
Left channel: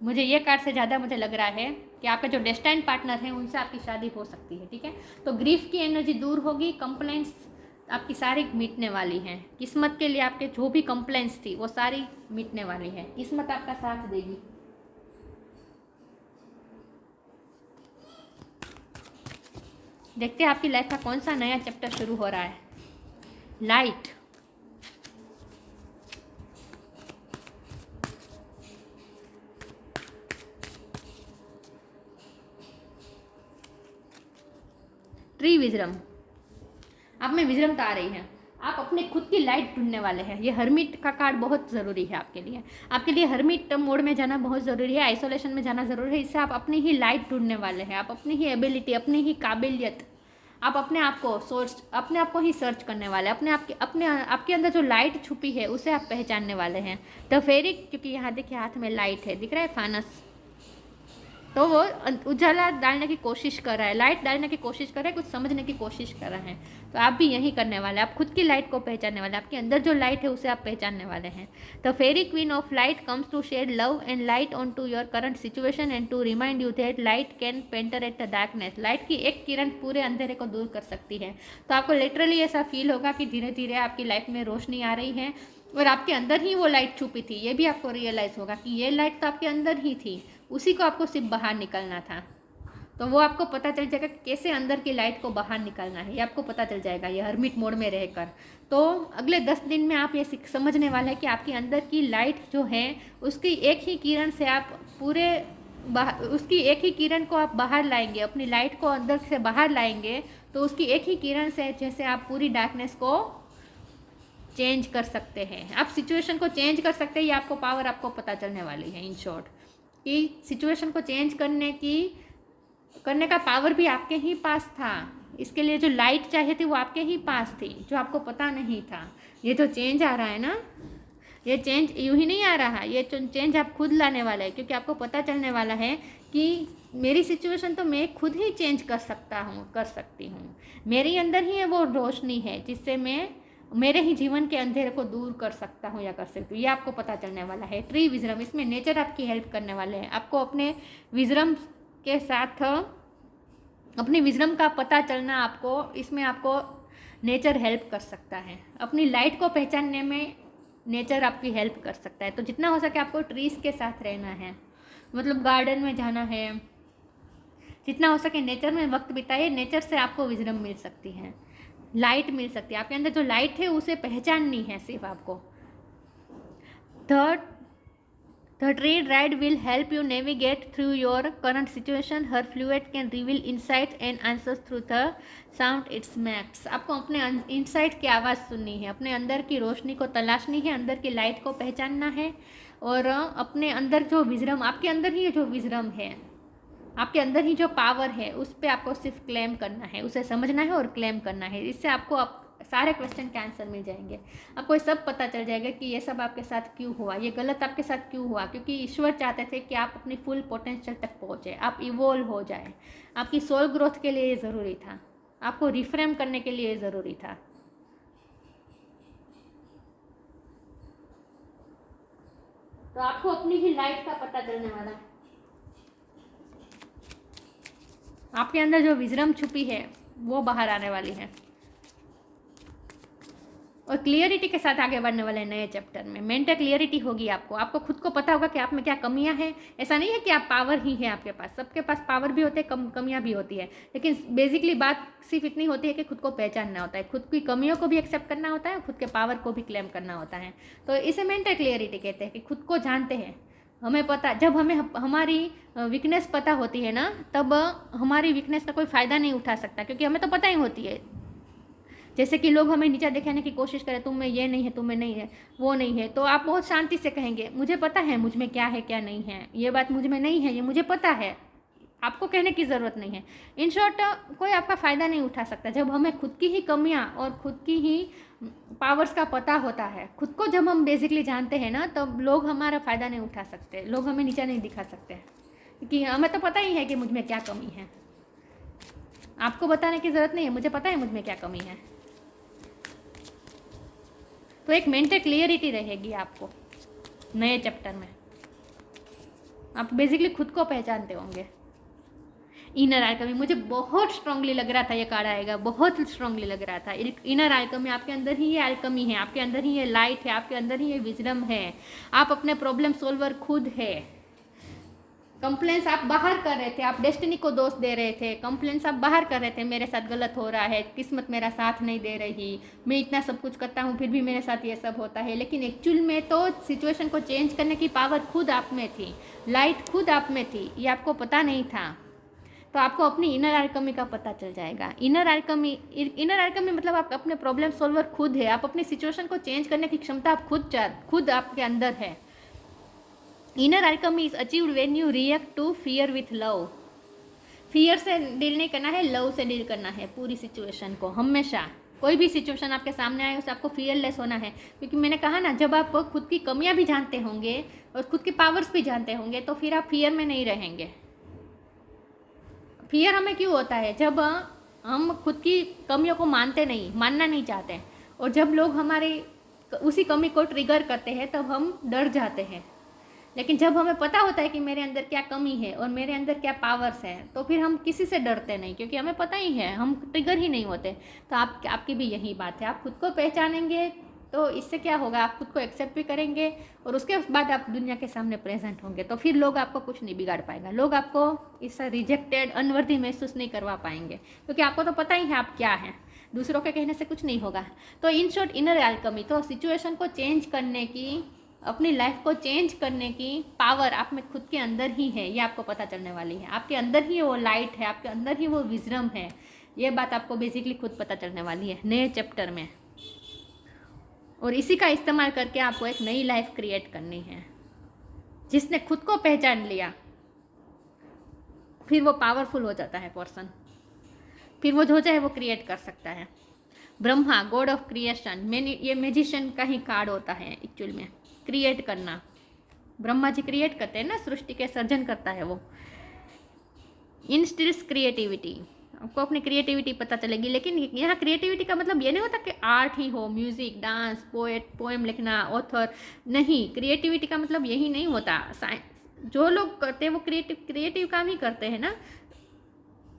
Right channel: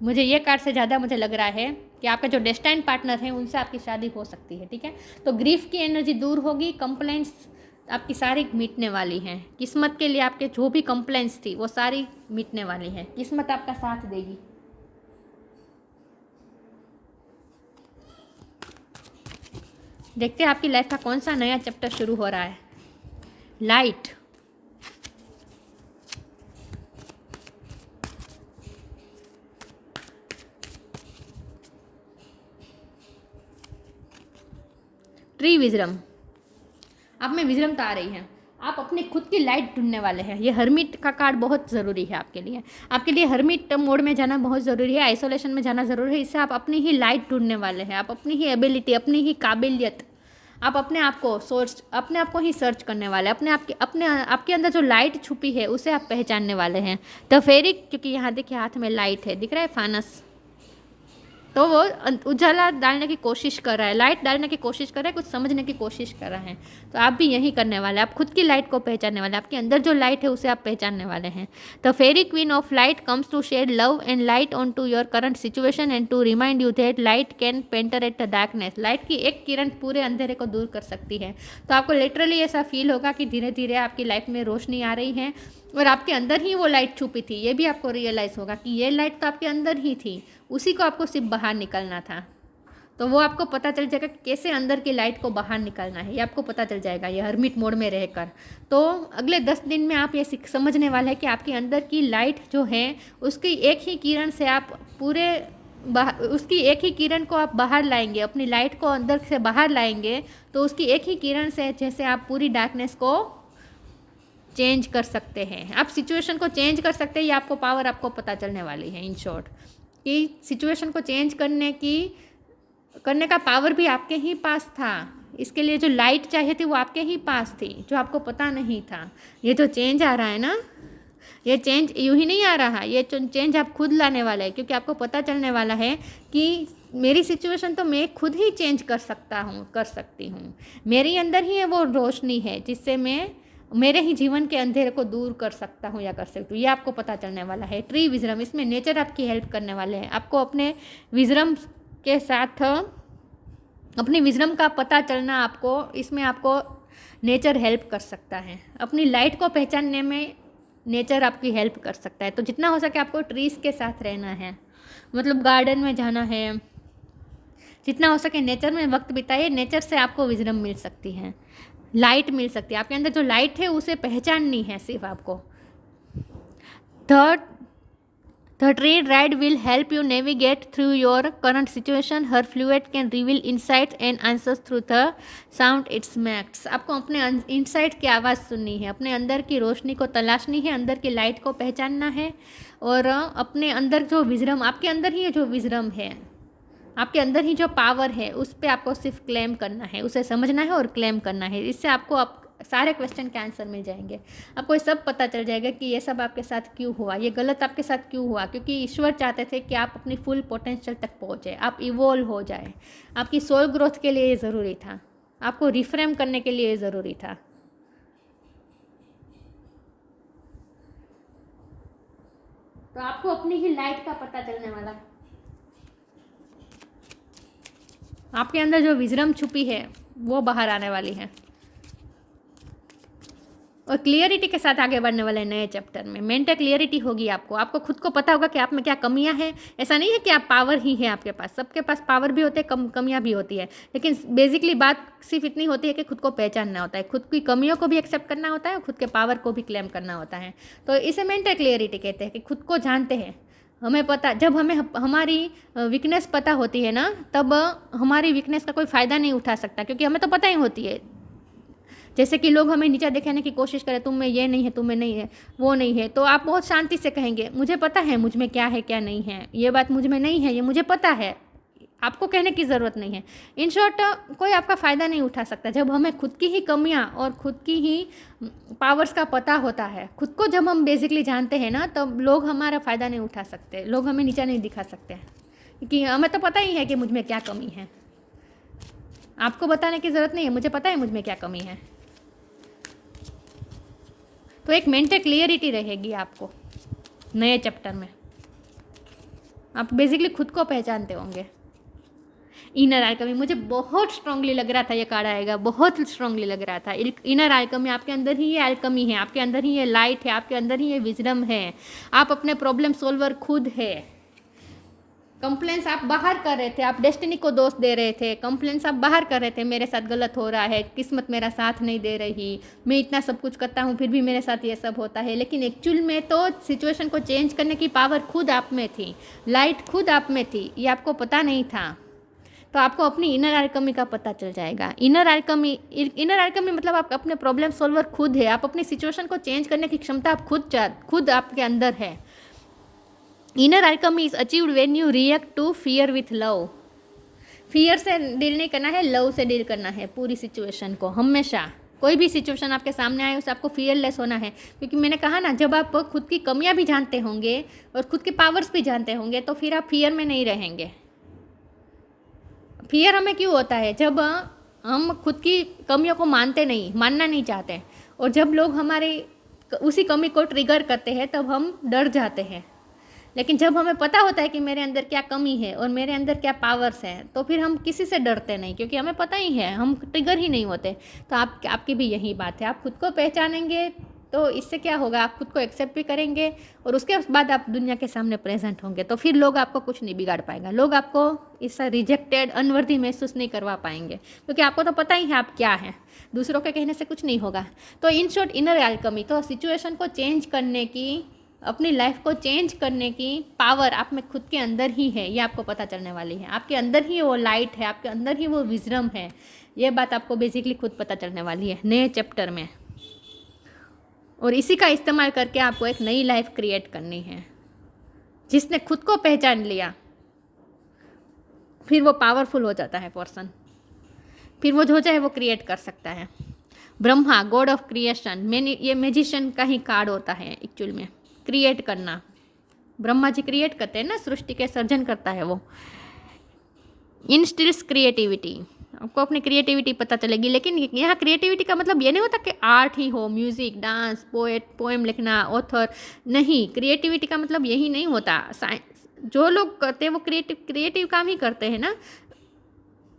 मुझे ये कार्ड से ज़्यादा मुझे लग रहा है कि आपके जो डेस्टाइन पार्टनर हैं उनसे आपकी शादी हो सकती है। ठीक है, तो ग्रीफ की एनर्जी दूर होगी, कंप्लेंट्स आपकी सारी मिटने वाली हैं। किस्मत के लिए आपके जो भी कंप्लेंट्स थी वो सारी मिटने वाली हैं, किस्मत आपका साथ देगी। देखते हैं आपकी लाइफ का कौन सा नया चैप्टर शुरू हो रहा है। लाइट, ट्री विजडम, आप में विजडम आ रही है, आप अपनी खुद की लाइट ढूंढने वाले हैं। ये हर्मिट का कार्ड बहुत ज़रूरी है आपके लिए हर्मिट मोड में जाना बहुत ज़रूरी है, आइसोलेशन में जाना ज़रूरी है। इससे आप अपनी ही लाइट ढूंढने वाले हैं, आप अपनी ही एबिलिटी, अपनी ही काबिलियत, आप अपने आप को ही सर्च करने वाले हैं। आपके अंदर जो लाइट छुपी है उसे आप पहचानने वाले हैं। द फेरी, क्योंकि यहाँ देखिए हाथ में लाइट है, दिख रहा है फानस, तो वो उजाला डालने की कोशिश कर रहा है, लाइट डालने की कोशिश कर रहा है, कुछ समझने की कोशिश कर रहा है। तो आप भी यही करने वाले हैं, आप खुद की लाइट को पहचानने वाले हैं, आपके अंदर जो लाइट है उसे आप पहचानने वाले हैं। The fairy queen of light comes to shed love and light on to your current situation and to remind you that light can penetrate the darkness. Light की एक किरण पूरे अंधेरे को दूर कर सकती है। तो आपको लिटरली ऐसा फील होगा कि धीरे धीरे आपकी लाइफ में रोशनी आ रही है और आपके अंदर ही वो लाइट छुपी थी। ये भी आपको रियलाइज़ होगा कि ये लाइट तो आपके अंदर ही थी, उसी को आपको सिर्फ बाहर निकलना था। तो वो आपको पता चल जाएगा कैसे अंदर की लाइट को बाहर निकालना है, ये आपको पता चल जाएगा ये हर्मिट मोड में रहकर। तो अगले 10 दिन में आप ये समझने वाले हैं कि आपके अंदर की लाइट जो है उसकी एक ही किरण से आप उसकी एक ही किरण को आप बाहर लाएंगे, अपनी लाइट को अंदर से बाहर लाएंगे तो उसकी एक ही किरण से जैसे आप पूरी डार्कनेस को चेंज कर सकते हैं, आप सिचुएशन को चेंज कर सकते हैं। ये आपको पावर आपको पता चलने वाली है इन शॉर्ट, कि सिचुएशन को चेंज करने का पावर भी आपके ही पास था। इसके लिए जो लाइट चाहिए थी वो आपके ही पास थी, जो आपको पता नहीं था। ये जो चेंज आ रहा है ना, ये चेंज यूँ ही नहीं आ रहा, ये चेंज आप खुद लाने वाले हैं, क्योंकि आपको पता चलने वाला है कि मेरी सिचुएशन तो मैं खुद ही चेंज कर सकती हूँ। मेरे अंदर ही वो रोशनी है जिससे मैं मेरे ही जीवन के अंधेरे को दूर कर सकता हूँ या कर सकती हूँ। ये आपको पता चलने वाला है। ट्री विजडम, इसमें नेचर आपकी हेल्प करने वाले हैं। आपको अपने विजडम के साथ अपनी विजडम का पता चलना, आपको नेचर हेल्प कर सकता है। अपनी लाइट को पहचानने में नेचर आपकी हेल्प कर सकता है। तो जितना हो सके आपको ट्रीज़ के साथ रहना है, मतलब गार्डन में जाना है, जितना हो सके नेचर में वक्त बिताइए। नेचर से आपको विजडम मिल सकती है, लाइट मिल सकती है। आपके अंदर जो लाइट है उसे पहचाननी है सिर्फ आपको। The tree ride will help you navigate through your current situation. Her fluid can reveal insights and answers through the sound it makes. आपको अपने इंसाइट की आवाज़ सुननी है, अपने अंदर की रोशनी को तलाशनी है, अंदर की लाइट को पहचानना है और अपने अंदर जो विजडम, आपके अंदर ही जो विजडम है, आपके अंदर ही जो पावर है उस पर आपको सिर्फ क्लेम करना है, उसे समझना है और क्लेम करना है। इससे आपको सारे क्वेश्चन के आंसर मिल जाएंगे। आपको ये सब पता चल जाएगा कि ये सब आपके साथ क्यों हुआ, ये गलत आपके साथ क्यों हुआ, क्योंकि ईश्वर चाहते थे कि आप अपनी फुल पोटेंशियल तक पहुँचे, आप इवोल्व हो जाए। आपकी सोल ग्रोथ के लिए ये ज़रूरी था, आपको रिफ्रेम करने के लिए ये ज़रूरी था। तो आपको अपनी ही लाइट का पता चलने वाला है। आपके अंदर जो विजडम छुपी है वो बाहर आने वाली है और क्लियरिटी के साथ आगे बढ़ने वाले नए चैप्टर में। मेंटल क्लियरिटी होगी आपको, आपको खुद को पता होगा कि आप में क्या कमियां हैं। ऐसा नहीं है कि आप पावर ही है आपके पास, सबके पास पावर भी होते हैं, कमियां भी होती है, लेकिन बेसिकली बात सिर्फ इतनी होती है कि खुद को पहचानना होता है, खुद की कमियों को भी एक्सेप्ट करना होता है और खुद के पावर को भी क्लेम करना होता है। तो इसे मेंटल क्लियरिटी कहते हैं कि खुद को जानते हैं। हमें पता, जब हमें हमारी वीकनेस पता होती है ना, तब हमारी वीकनेस का कोई फ़ायदा नहीं उठा सकता, क्योंकि हमें तो पता ही होती है। जैसे कि लोग हमें नीचा दिखाने की कोशिश करें, तुम में ये नहीं है, तुम में नहीं है, वो नहीं है, तो आप बहुत शांति से कहेंगे मुझे पता है मुझ में क्या है क्या नहीं है, ये बात मुझ में नहीं है, ये मुझे पता है, आपको कहने की ज़रूरत नहीं है। इन शॉर्ट कोई आपका फ़ायदा नहीं उठा सकता। जब हमें खुद की ही कमियां और खुद की ही पावर्स का पता होता है, खुद को जब हम बेसिकली जानते हैं ना, तब लोग हमारा फ़ायदा नहीं उठा सकते, लोग हमें नीचा नहीं दिखा सकते, क्योंकि हमें तो पता ही है कि मुझ में क्या कमी है। आपको बताने की ज़रूरत नहीं है, मुझे पता है मुझ में क्या कमी है। तो एक मेंटल क्लियरिटी रहेगी आपको नए चैप्टर में, आप बेसिकली खुद को पहचानते होंगे। इनर आल्केमी मुझे बहुत स्ट्रांगली लग रहा था, ये कार्ड आएगा, बहुत स्ट्रांगली लग रहा था। इनर आल्केमी, आपके अंदर ही ये आल्केमी है, आपके अंदर ही ये लाइट है, आपके अंदर ही ये विजडम है, आप अपने प्रॉब्लम सोल्वर खुद है। कंप्लेंट्स आप बाहर कर रहे थे, आप डेस्टिनी को दोष दे रहे थे, कंप्लेंट्स आप बाहर कर रहे थे, मेरे साथ गलत हो रहा है, किस्मत मेरा साथ नहीं दे रही, मैं इतना सब कुछ करता हूँ फिर भी मेरे साथ ये सब होता है। लेकिन एक्चुअल में तो सिचुएशन को चेंज करने की पावर खुद आप में थी, लाइट खुद आप में थी, ये आपको पता नहीं था। तो आपको अपनी इनर आल्केमी का पता चल जाएगा। इनर आल्केमी मतलब आप अपने प्रॉब्लम सोल्वर खुद है, आप अपनी सिचुएशन को चेंज करने की क्षमता आप खुद आपके अंदर है। Inner alchemy is achieved when you react to fear with love. Fear से डील नहीं करना है, लव से डील करना है पूरी सिचुएशन को। हमेशा कोई भी सिचुएशन आपके सामने आए उससे आपको फियरलेस होना है, क्योंकि मैंने कहा ना, जब आप खुद की कमियां भी जानते होंगे और खुद के पावर्स भी जानते होंगे तो फिर आप फियर में नहीं रहेंगे। फियर हमें क्यों होता है? जब हम खुद की कमियों को मानना नहीं चाहते, और जब लोग हमारे उसी कमी को ट्रिगर करते हैं तब हम डर जाते हैं। लेकिन जब हमें पता होता है कि मेरे अंदर क्या कमी है और मेरे अंदर क्या पावर्स हैं, तो फिर हम किसी से डरते नहीं, क्योंकि हमें पता ही है, हम ट्रिगर ही नहीं होते। तो आपकी भी यही बात है, आप खुद को पहचानेंगे तो इससे क्या होगा, आप खुद को एक्सेप्ट भी करेंगे और उसके बाद आप दुनिया के सामने प्रेजेंट होंगे, तो फिर लोग आपको कुछ नहीं बिगाड़ पाएगा, लोग आपको इससे रिजेक्टेड अनवर्दी महसूस नहीं करवा पाएंगे, क्योंकि आपको तो पता ही है आप क्या हैं, दूसरों के कहने से कुछ नहीं होगा। तो इन शॉर्ट इनर आल्केमी, तो सिचुएशन को चेंज करने की, अपनी लाइफ को चेंज करने की पावर आप में खुद के अंदर ही है, ये आपको पता चलने वाली है। आपके अंदर ही वो लाइट है, आपके अंदर ही वो विजडम है, ये बात आपको बेसिकली खुद पता चलने वाली है नए चैप्टर में। और इसी का इस्तेमाल करके आपको एक नई लाइफ क्रिएट करनी है। जिसने खुद को पहचान लिया फिर वो पावरफुल हो जाता है पर्सन, फिर वो जो चाहे वो क्रिएट कर सकता है। ब्रह्मा, गॉड ऑफ क्रिएशन, ये मैजिशियन का ही कार्ड होता है एक्चुअल में, क्रिएट करना। ब्रह्मा जी क्रिएट करते हैं ना, सृष्टि के सर्जन करता है वो। इंस्टिल्स क्रिएटिविटी, आपको अपनी क्रिएटिविटी पता चलेगी। लेकिन यहाँ क्रिएटिविटी का मतलब ये नहीं होता कि आर्ट ही हो, म्यूज़िक, डांस, पोएम लिखना, ऑथर नहीं। क्रिएटिविटी का मतलब यही नहीं होता। जो लोग करते हैं वो क्रिएटिव काम ही करते हैं ना,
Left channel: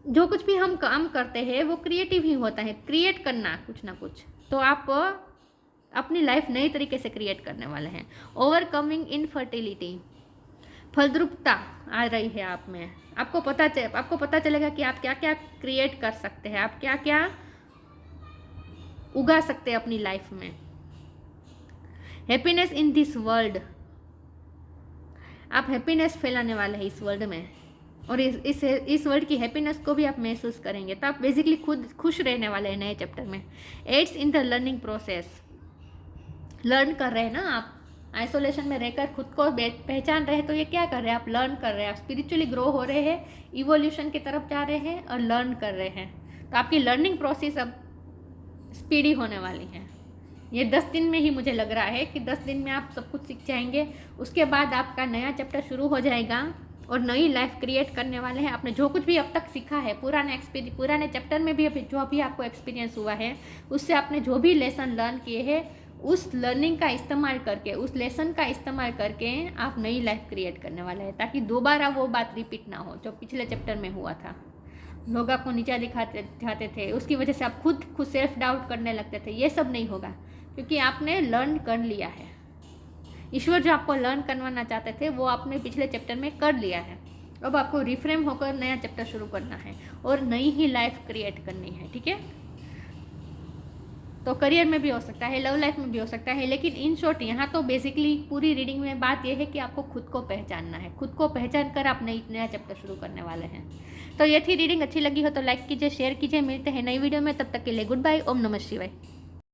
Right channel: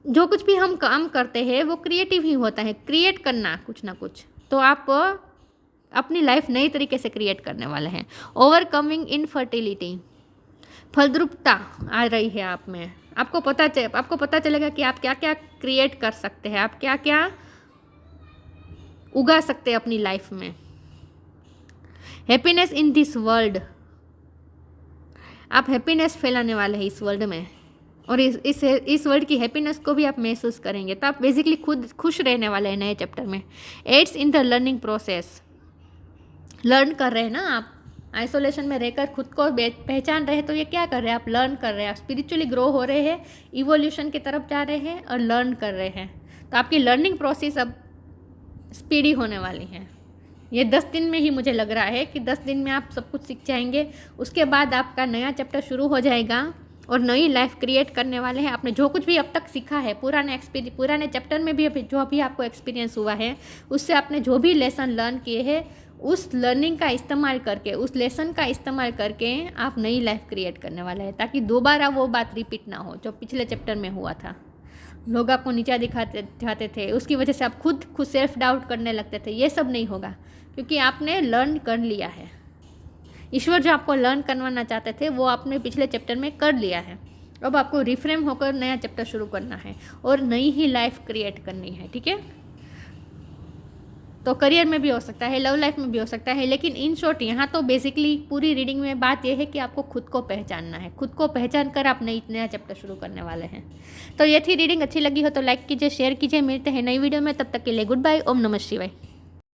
जो कुछ भी हम काम करते हैं वो क्रिएटिव ही होता है, क्रिएट करना कुछ ना कुछ। तो आप अपनी लाइफ नई तरीके से क्रिएट करने वाले हैं। ओवरकमिंग इनफर्टिलिटी, फलद्रुपता आ रही है आप में। आपको पता चलेगा कि आप क्या क्या क्रिएट कर सकते हैं, आप क्या क्या उगा सकते हैं अपनी लाइफ में। हैप्पीनेस इन दिस वर्ल्ड, आप हैप्पीनेस फैलाने वाले हैं इस वर्ल्ड में, और इस वर्ल्ड की हैप्पीनेस को भी आप महसूस करेंगे। तो आप बेसिकली खुद खुश रहने वाले हैं नए चैप्टर में। Aids in the learning process, learn कर रहे हैं ना आप, आइसोलेशन में रहकर खुद को पहचान रहे हैं, तो ये क्या कर रहे हैं, आप लर्न कर रहे हैं, आप स्पिरिचुअली ग्रो हो रहे हैं, इवोल्यूशन की तरफ जा रहे हैं और लर्न कर रहे हैं। तो आपकी लर्निंग प्रोसेस अब स्पीडी होने वाली है। ये 10 दिन में ही मुझे लग रहा है कि 10 दिन में आप सब कुछ सीख जाएंगे। उसके बाद आपका नया चैप्टर शुरू हो जाएगा और नई लाइफ क्रिएट करने वाले हैं। आपने जो कुछ भी अब तक सीखा है, पुराने चैप्टर में भी जो अभी आपको एक्सपीरियंस हुआ है, उससे आपने जो भी लेसन लर्न किए हैं, उस लर्निंग का इस्तेमाल करके, उस लेसन का इस्तेमाल करके आप नई लाइफ क्रिएट करने वाले हैं, ताकि दोबारा वो बात रिपीट ना हो जो पिछले चैप्टर में हुआ था। लोग आपको नीचा दिखाते जाते थे, उसकी वजह से आप खुद सेल्फ डाउट करने लगते थे। ये सब नहीं होगा, क्योंकि आपने लर्न कर लिया है। ईश्वर जो आपको लर्न करवाना चाहते थे वो आपने पिछले चैप्टर में कर लिया है। अब आपको रिफ्रेम होकर नया चैप्टर शुरू करना है और नई ही लाइफ क्रिएट करनी है, ठीक है। तो करियर में भी हो सकता है, लव लाइफ में भी हो सकता है, लेकिन इन शॉर्ट यहाँ तो बेसिकली पूरी रीडिंग में बात यह है कि आपको खुद को पहचानना है। खुद को पहचान कर आप नया चैप्टर शुरू करने वाले हैं। तो ये थी रीडिंग। अच्छी लगी हो तो लाइक कीजिए, शेयर कीजिए। मिलते हैं नई वीडियो में, तब तक के लिए गुड बाय। ओम नमः शिवाय।